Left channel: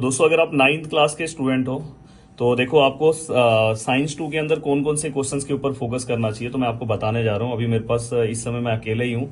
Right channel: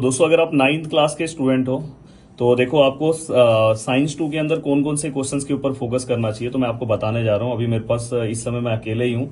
दोस्तों अगर आप 9th क्लास के स्टूडेंट हो तो देखो आपको साइंस 2 के अंदर कौन कौन से क्वेश्चंस के ऊपर फोकस करना चाहिए तो मैं आपको बताने जा रहा हूँ। अभी मेरे पास इस समय मैं अकेले ही हूँ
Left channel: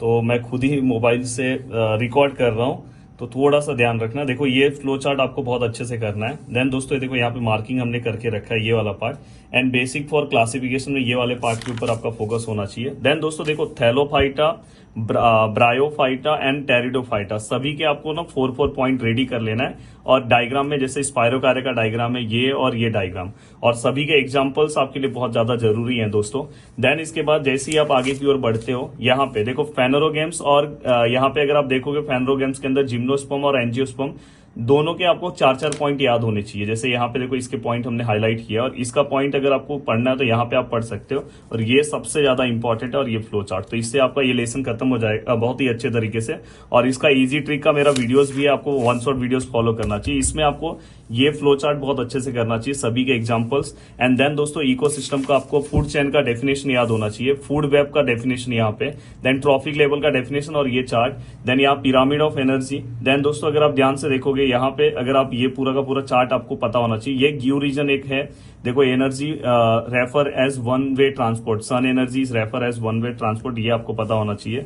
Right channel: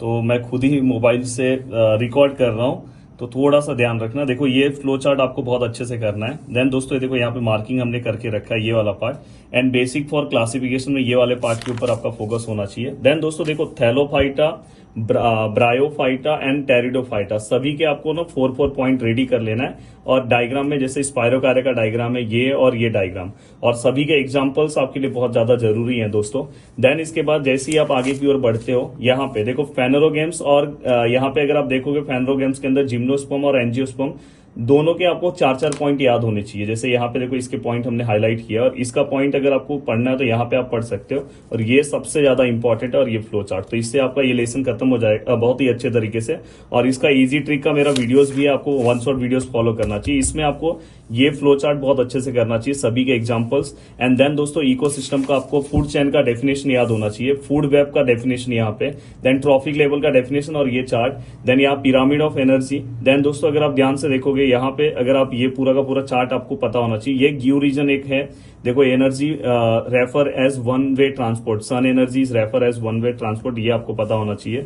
तो मैं खुद ही मोबाइल से रिकॉर्ड कर रहा हूँ, तो थोड़ा सा ध्यान रखना। देखो ये फ्लो चार्ट आपको बहुत अच्छे से करना है। देन दोस्तों ये देखो यहाँ पे मार्किंग हमने करके रखा है, ये वाला part and basic for classification में ये वाले पार्ट के ऊपर आपका फोकस होना चाहिए। देन दोस्तों देखो थैलोफाइटा, ब्रायोफाइटा एंड टेरिडोफाइटा सभी के आपको ना 4 पॉइंट रेडी कर लेना है। और डायग्राम में जैसे स्पायरोकार्य का डायग्राम है ये और ये डायग्राम, और सभी के एग्जांपल्स आपके लिए बहुत ज्यादा जरूरी हैं दोस्तों। देन इसके बाद जैसे ही आप आगे की ओर बढ़ते हो, यहाँ पे देखो फेनोरोगेम्स, और यहाँ पे अगर आप देखोगे फेनोरोगेम्स के अंदर जिम्नोस्पर्म और एंजियोस्पर्म दोनों के आपको 4 पॉइंट याद होने चाहिए। जैसे यहाँ पे देखो इसके पॉइंट हमने हाईलाइट किया, और इसका पॉइंट अगर आपको पढ़ना है तो यहाँ पे आप पढ़ सकते हो। और ये सबसे ज्यादा इंपॉर्टेंट है, और ये फ्लो चार्ट, तो इससे आपका ये लेसन खत्म हो जाएगा बहुत ही अच्छे तरीके से। और इसका इजी ट्रिक का मेरा वीडियोस भी है, आपको वन शॉट वीडियोस फॉलो करना चाहिए। इसमें आपको ये फ्लो चार्ट बहुत अच्छे से करना चाहिए, सभी के एग्जांपल्स। एंड देन दोस्तों इकोसिस्टम का आपको फूड चेन का डेफिनेशन याद होना चाहिए, फूड वेब का डेफिनेशन यहाँ पे, देन ट्रॉफिक लेवल का डेफिनेशन और ये चार्ट, देन यहाँ पिरामिड ऑफ एनर्जी। देन दोस्तों अगर आप ध्यान से देखोगे यहाँ पे, अगर आप ये पूरा का पूरा चार्ट आपको पता होना चाहिए। ये ग्यू रीजन एक है, देखो energy refer as one way transport, sun energy is refer as one way transport, ये आपको पता होना चाहिए।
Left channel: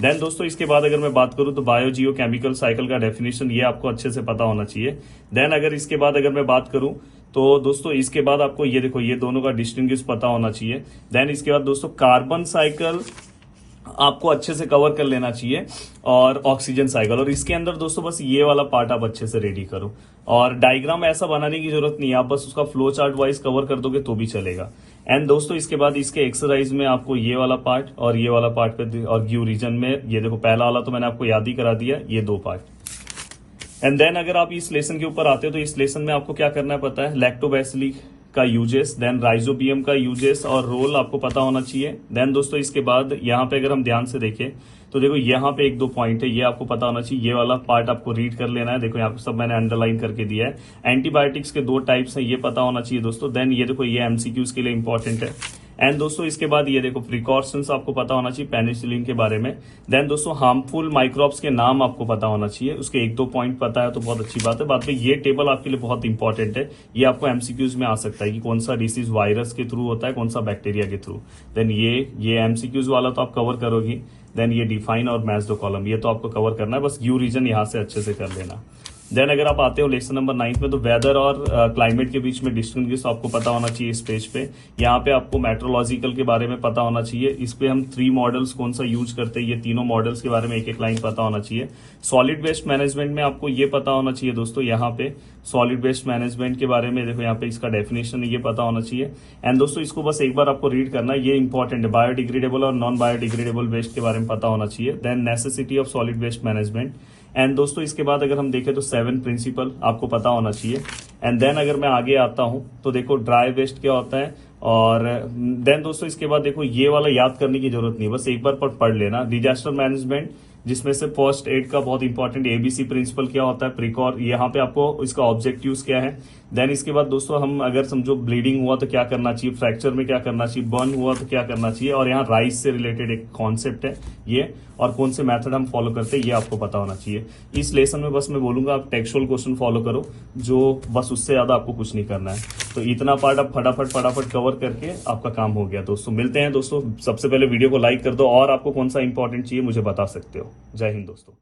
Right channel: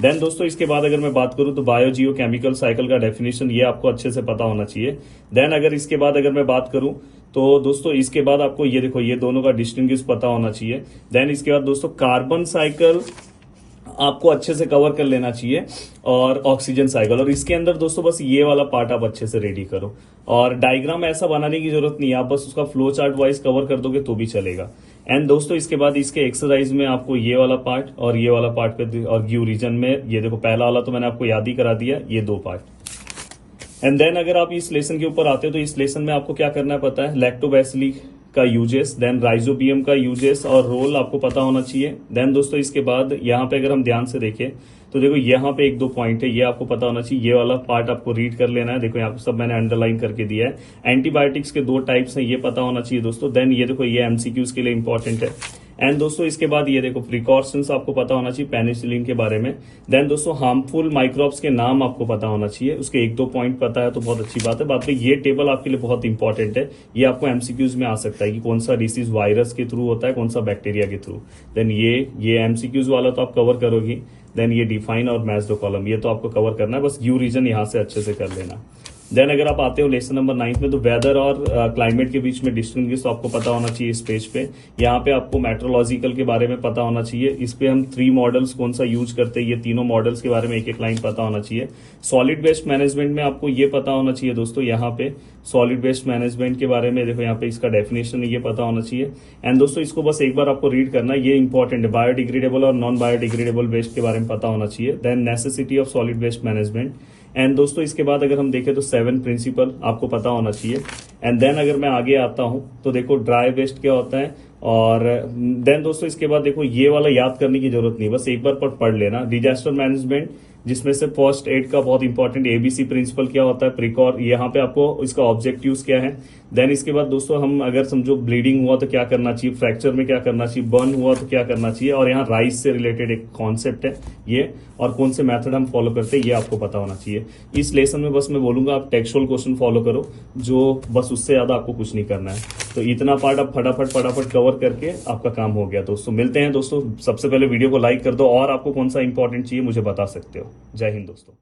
देन दोस्तों इसके बाद अगर मैं बात करूं तो बायो जियो केमिकल साइकिल का डेफिनेशन, ये आपको अच्छे से पता होना चाहिए। देन अगर इसके बाद अगर मैं बात करूं तो दोस्तों इसके बाद आपको ये देखो ये दोनों का डिस्टिंग्विश पता होना चाहिए। देन इसके बाद दोस्तों कार्बन साइकिल आपको अच्छे से कवर कर लेना चाहिए, और ऑक्सीजन साइकिल, और इसके अंदर दोस्तों बस ये वाला पार्ट आप अच्छे से रेडी करो। और डायग्राम ऐसा बनाने की जरूरत नहीं है, आप बस उसका फ्लो चार्ट वाइज कवर कर दोगे तो भी चलेगा। एंड दोस्तों इसके बाद इसके एक्सरसाइज में आपको ये वाला पार्ट और ये वाला पार्ट पे, और ग्यू रीजन में ये देखो पहला वाला तो मैंने आपको याद ही करा दिया, ये 2 पार्ट। एंड देन अगर आप इस लेसन के ऊपर आते हो तो इस लेसन में आपको क्या करना है पता है, लैक्टोबैसिली का यूजेस, देन राइजोबियम का यूजेस और रोल आपको पता होना चाहिए। देन दोस्तों इसके बाद यहाँ पे अगर हम ध्यान से देखें तो देखो यहाँ पे 1-2 पॉइंट है, ये आपको पता होना चाहिए। ये वाला पार्ट आपको रीड कर लेना है, देखो यहाँ पे सब मैंने अंडरलाइन करके दिया है। एंटीबायोटिक्स के 2 टाइप्स हैं, ये पता होना चाहिए दोस्तों। देन ये देखो ये एमसीक्यूज के लिए इंपॉर्टेंट है। एंड दोस्तों इसके बाद ये देखो प्रिकॉशंस आपको पता होना चाहिए पेनिसिलिन के बारे में। देन दोस्तों हार्मफुल माइक्रोब्स के नाम आपको पता होना चाहिए, उसके 1-2 पॉइंट पता है तो बहुत अच्छी बात है। बात में ये टेबल आपके लिए बहुत इंपॉर्टेंट है, ये आपको एमसीक्यूज में आ सकता है कि कौन सा डिसीज वायरस के थ्रू होता है, कौन सा बैक्टीरिया के थ्रू। देन ये एमसीक्यूज वाला तो आप कवर करोगी। देन ये डिफाइन और मैच द कॉलम, ये तो आपको कवर करना है, बस ग्यू रीजन यहां से अच्छे से कर लेना। देन अगर आप आते हो लेसन नंबर 9 में तो वेदर और क्लाइमेट के बीच में डिस्टिंग्विश आपको पता होना चाहिए इस पेज पे। यहाँ पे आपको मेट्रोलॉजिकल के बारे में पता होना चाहिए, इस पे हम 3 मॉडल्स कौन सा यूज करते हैं, ये तीनों मॉडल्स के बारे में एक लाइन पता होना चाहिए। सॉलिड वेस्ट मैनेजमेंट में आपको ये पता होना चाहिए दोस्तों, यहाँ पे सॉलिड वेस्ट मैनेजमेंट के बारे में देखो यहाँ पे इसका डेफिनेशन ये पता होना चाहिए। एंड दोस्तों इसको बस एक बार आपको रीड करना है, ये इंपॉर्टेंट है। बायोडिग्रेडेबल और नॉन बायोडिग्रेडेबल वेस्ट के बारे में पता होना चाहिए। Then necessity of solid waste management. And दोस्तों इसके बाद अगर हम देखें तो 7 प्रिंसिपल आपको पता होना चाहिए। एंड देन अगर मैं आगे आता हूं तो देखो ड्राई वेस्ट क्या होता है, और देन दोस्तों इसके बाद देखो ये वाला याद करने की जरूरत नहीं, बस एक बार पढ़ लेना। डिजास्टर मैनेजमेंट, जिसमें से फर्स्ट एड का बहुत इंपॉर्टेंट एबीसी प्रिंसिपल क्या होता है, प्रिकॉर, यहाँ पे आपको इसका ऑब्जेक्टिव्स क्या है। देन इसके बाद दोस्तों हम अगर समझो ब्लीडिंग हुआ तो क्या करना चाहिए, फ्रैक्चर में क्या करना चाहिए, बर्न हुआ तो क्या करना चाहिए, और यहाँ राइस से रिलेटेड एक कॉन्सेप्ट है ये, और कौन से मेथड हम फॉलो करते हैं ये आपको पता होना चाहिए। इस लेसन में बस मैं बोलूंगा आप टेक्सचुअल क्वेश्चन फॉलो करो, जो बस उससे ज्यादा आपको कुछ नहीं करना है। तो इतना पार्ट आप फटाफट कवर करके आपका काम हो गया दोस्तों। मिलते हैं दोस्तों, सबसे पहले वीडियो को लाइक कर दो, और आपको कौन सा इंपॉर्टेंट चाहिए मुझे बता सकते हो। जय हिंद दोस्तों।